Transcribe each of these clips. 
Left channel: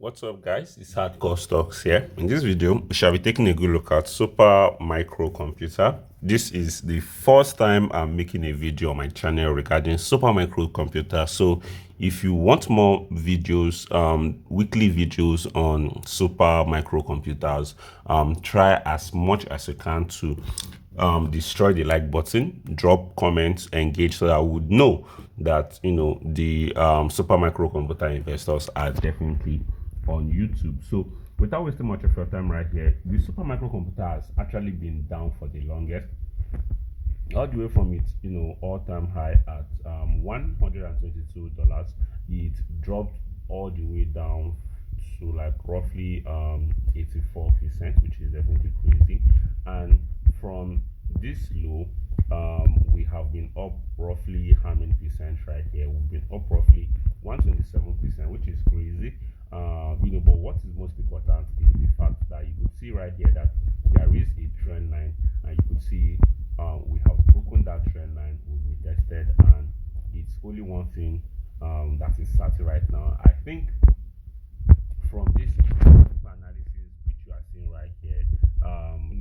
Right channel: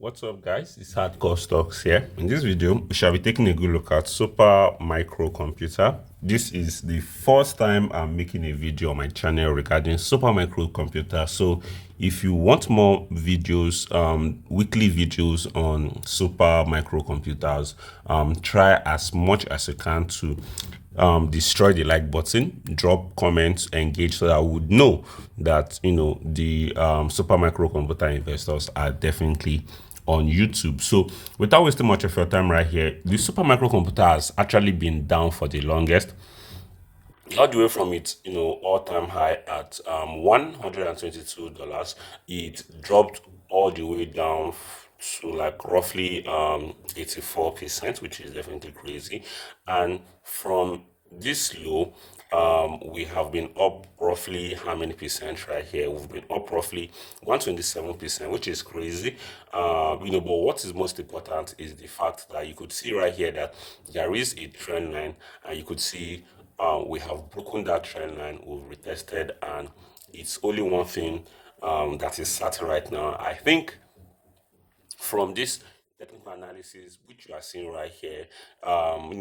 What's up, guys? It's Hardcore Stocks here. In this video, we shall be taking a good look at super microcomputer. This is the first time I'm making a video on my channel regarding super microcomputer. So if you want more videos, weekly videos on super microcomputers, try as much as you can to destroy the like button, drop comments, engage, so that I would know that the super microcomputer investors are definitely on YouTube. So without wasting much of your time right here, the super microcomputer has actually been down for the longest, all the way from its all-time high at $122. It dropped all the way down to like roughly 84%, which is definitely crazy. And from this low, we have been up roughly how many percent right here? We've been up roughly 127%, which is crazy. But what is most important is the fact that you could see right here that there is a trend line, and you could see we have broken that trend line, we've retested, and it's only one thing that is certain right now. I think from this technical analysis, which you are seeing right here,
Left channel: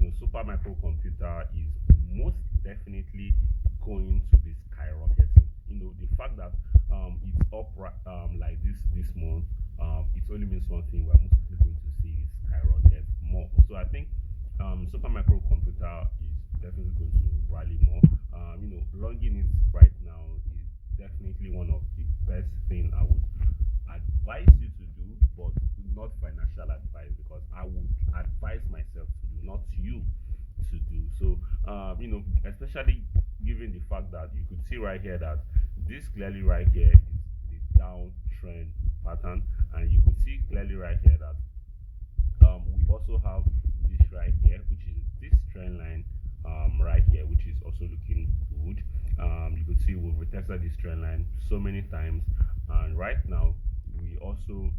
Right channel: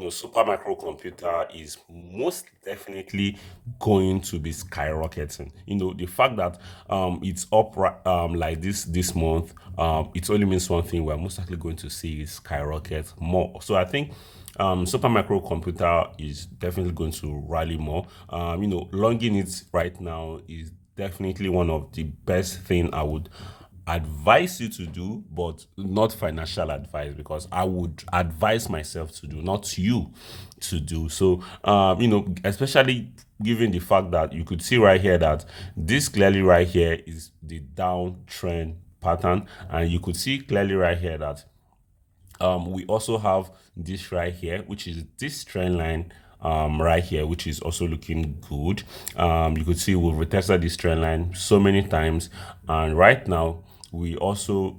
super microcomputer is most definitely going to be skyrocketing. The fact that it's up like this month, it only means one thing: we're most likely going to see it skyrocket more. So I think super microcomputer is definitely going to rally more. Longing it right now is definitely one of the best thing I would advise you to do, but not financial advice, because I would advise myself to do, not you to do. So especially given the fact that you could see right here that this clearly right here is the downtrend pattern, and you could see clearly right here that we also have this right here, which is this trend line right here, which is also looking good. You could see we've retested this trend line so many times, and right now we also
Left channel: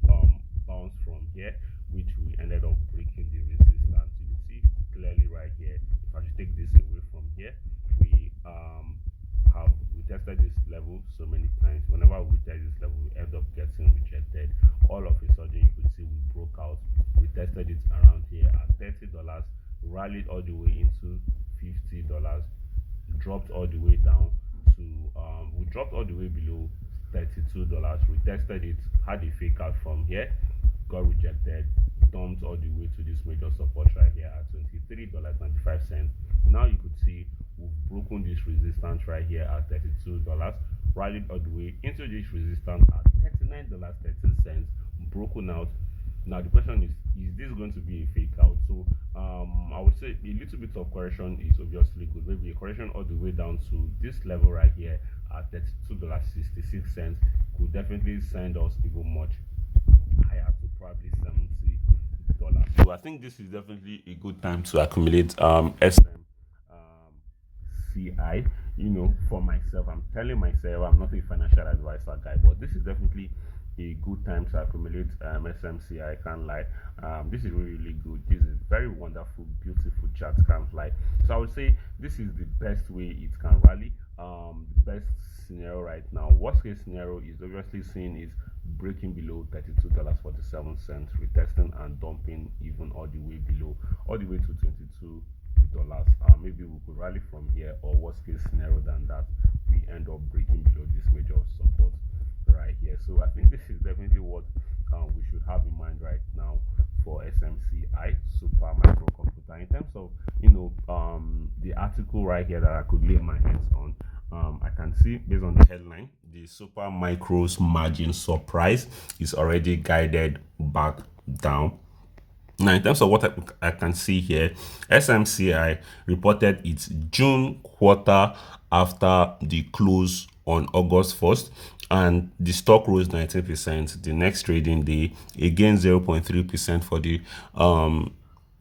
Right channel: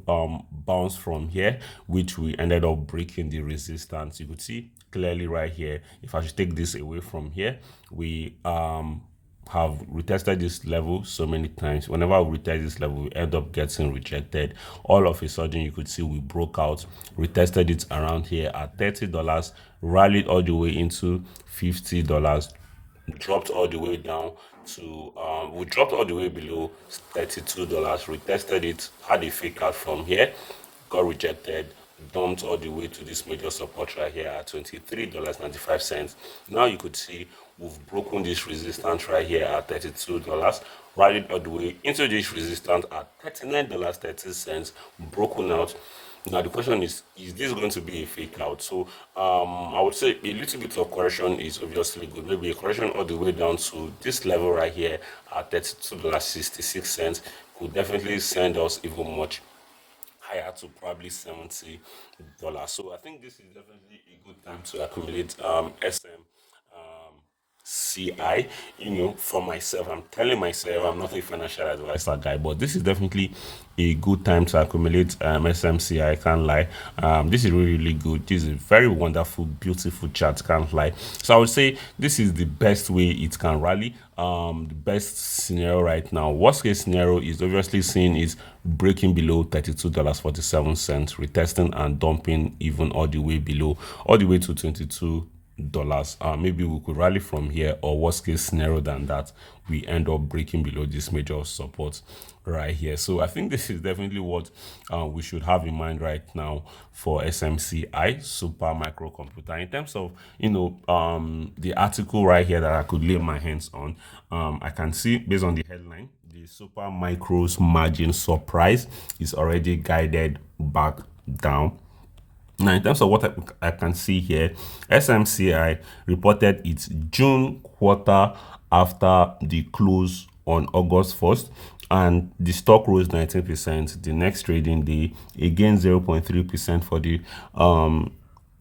bounced from here, which we ended up breaking the resistance. You could see clearly right here, if I should take this away from here, we have retested this level so many times. Whenever we retest this level, we end up getting rejected. All of a sudden, you could see we broke out, retested it around here at $30, rallied all the way into $50, dropped all the way down to we dropped all the way below $32, retested it, had a fake out from here, got rejected, dumped all the way to this major support right here at $23.95. Now you could see we've broken this resistance right here at $32, rallied all the way into this resistance at $39.30, broken out. Now the question is this going to be a fake out? So I would say a little bit of correction is obviously good. Maybe a correction all the way down to this level right here at $32.66 could definitely send us even much higher to probably $70. So I think this is definitely a good time to accumulate SMCI. For myself, I'm telling myself I'm not a financial advisor guy, but this is definitely a good time to accumulate SMCI. I can't lie. This is really, really good. This is a very wonderful, beautiful chart, can't lie. So I would say this is the best way it can rally. The best scenario right now, worst case scenario, is obviously seen is breaking below $32.47, retesting and dumping even all the way below, all the way to $22. Maybe we could rally from here, or worst case scenario than that, we end up breaking below this major support right here. So I think this is definitely what we should have in mind right now for SMCI, super microcomputer. In terms of the article right here that I could lay my hands on, I can see based on the headline, the super micros margin surprise is already guided back down. Now, in terms of what I can see here, SMCI reported its June quarter after the close on August 1st, and the stock rose 19% the next trading day, again 0.3% for the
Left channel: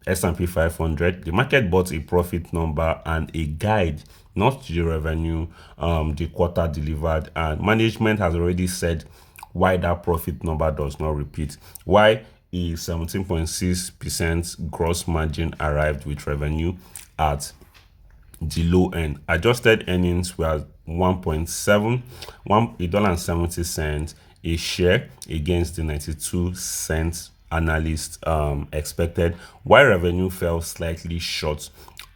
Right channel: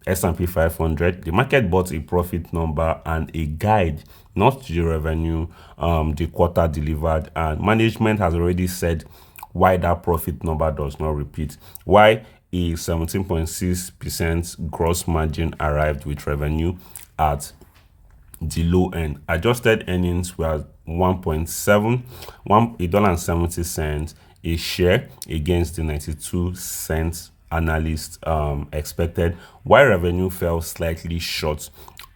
S&P 500. The market bought a profit number and a guide, not the revenue the quarter delivered, and management has already said why that profit number does not repeat, why a 17.6% gross margin arrived with revenue at the low end. Adjusted earnings were $1.70, a share against the 92 cents analysts expected, while revenue fell slightly short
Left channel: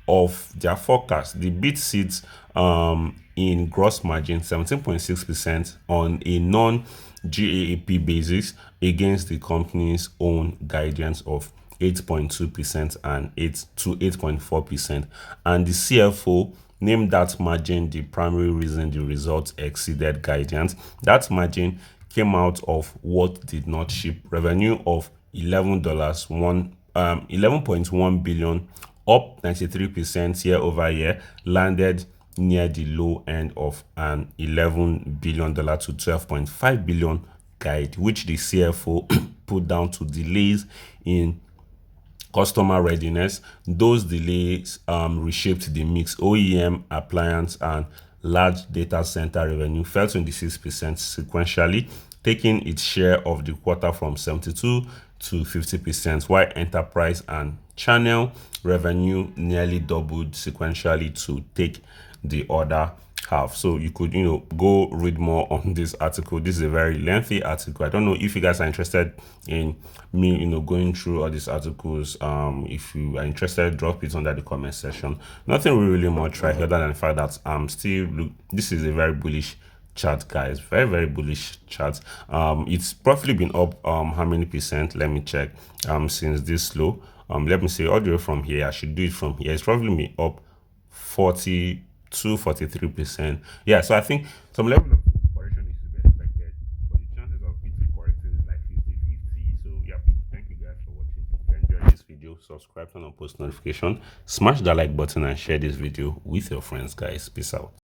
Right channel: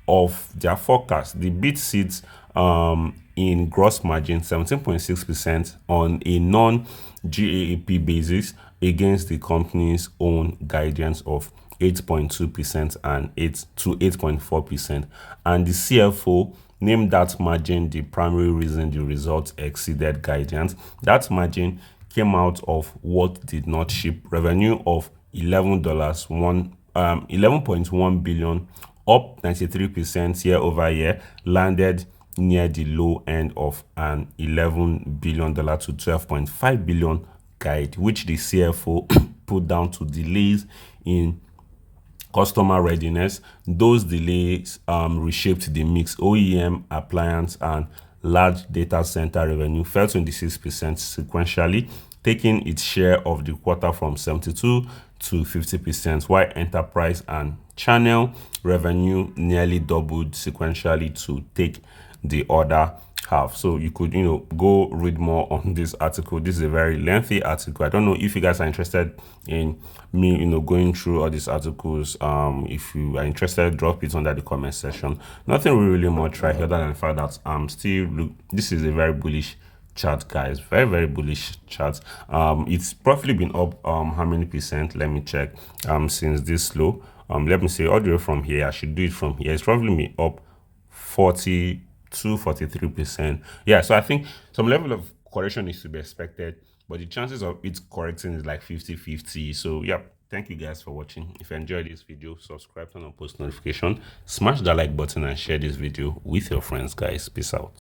of their forecast. The beat sits in gross margin 17.6% on a non-GAAP basis against the company's own guidance of 8.2% and 8 to 8.4%. And the CFO named that margin the primary reason the results exceeded guidance. That margin came out of what did not ship. Revenue of $11.1 billion, up 93% year over year, landed near the low end of an $11 billion to $12.5 billion guide, which the CFO put down to delays in customer readiness. Those delays reshaped the mix. OEM, appliance, and large data center revenue fell 26% sequentially, taking its share of the quarter from 72 to 50%, while enterprise and channel revenue nearly doubled sequentially to take the other half. So you could, go read more on this article. This is a very lengthy article. I don't know if you guys are interested in me, going through all these articles. If you are interested, drop it under the comment section. Nothing really much right here other than the fact that this is a very bullish chart, guys. Very, very bullish chart. It's probably been up how many percent? Let me check. Since this low, let me say all the way from here. I should do it from here. It's probably been up 43%. Yeah, so I think some level of correction is to be expected, but the chances of it correcting is like 50-50. So yeah, thank you guys for watching. If you enjoyed this video, subscribe, turn on post notification, smash that like button, and share this video with your friends, guys. Peace out.